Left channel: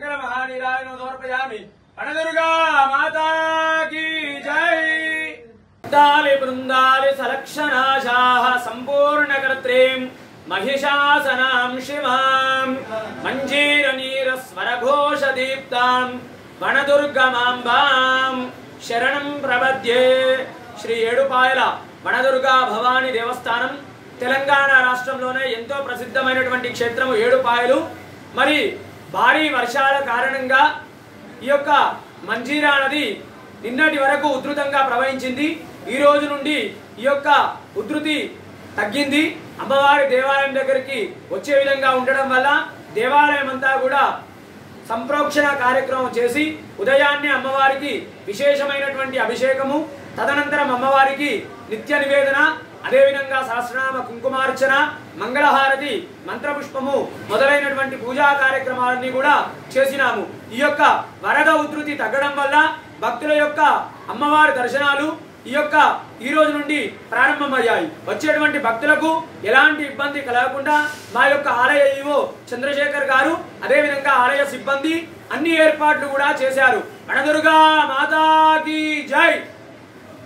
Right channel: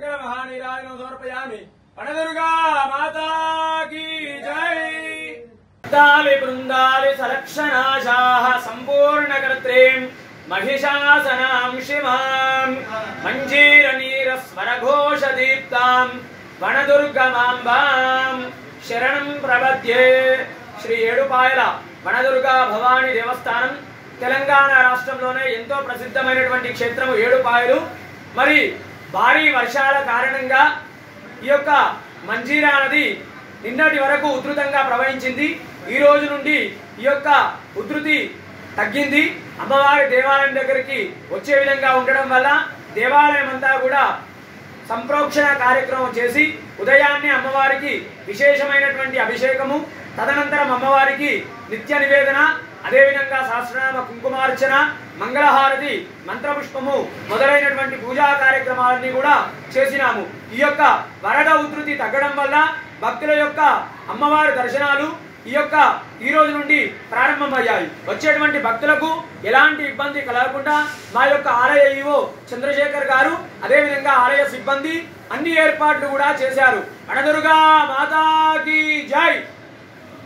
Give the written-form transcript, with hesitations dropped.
मंगल महानिराजनं समर्पयामि। वनदुर्गा माता की जय। वृंदाले वृंदाले सलक्षणाशाः संपूर्णकर्त्रीं महिषासनां शिवां मञ्जीरनीरस्वरघोषदीप्तां वनदुर्गमाम्बां शरणं प्रपद्ये। श्री ఏడుపాయల వనదుర్గా భవాని దేవస్థానం తెలంగాణ రాష్ట్రంలోనే ఎంతో ప్రసిద్ధమైనటువంటి క్షేత్రం ఏడుపాయలు। మరి భారీ వర్షాల కారణంగా ఈ యొక్క మంజీరా నది నిన్నటి వరకు ఉధృతంగా ప్రవహించింది। ఈ రోజు నుండి ఈ యొక్క ఉధృతి తగ్గింది। అమ్మవారి దేవాలయం దగ్గరికి వచ్చే విధంగా ఉండడం వల్ల దేవాలయం అంతా కూడా సంప్రోక్షణ కార్యక్రమం చేసి ఉదయాన్నే అమ్మవారికి విశేషమైనటువంటి అభిషేకము, తదనంతరం అమ్మవారికి నిత్య నివేదన, అదే విధంగా సహస్రనామ కుంకుమార్చన, మంగళహారతి, మంత్రపుష్పము మొదలైనటువంటి పూజా కార్యక్రమాలన్నీ కూడా చేసినాము। ఈ యొక్క వరద ఉధృతి తగ్గడం వల్ల భక్తుల యొక్క అమ్మవారి దర్శనాలు ఈ రోజు నుండి ప్రారంభమయ్యాయి। వచ్చేటువంటి భక్తులకు ఎలాంటి ఇబ్బంది కలగకుండా మా యొక్క ఆలయ ఈవో చంద్రశేఖర్ గారు, అదే విధంగా ఆలయ సిబ్బంది అన్ని ఏర్పాట్లు కూడా చేశారు। వనదుర్గా మాతా కీ జై।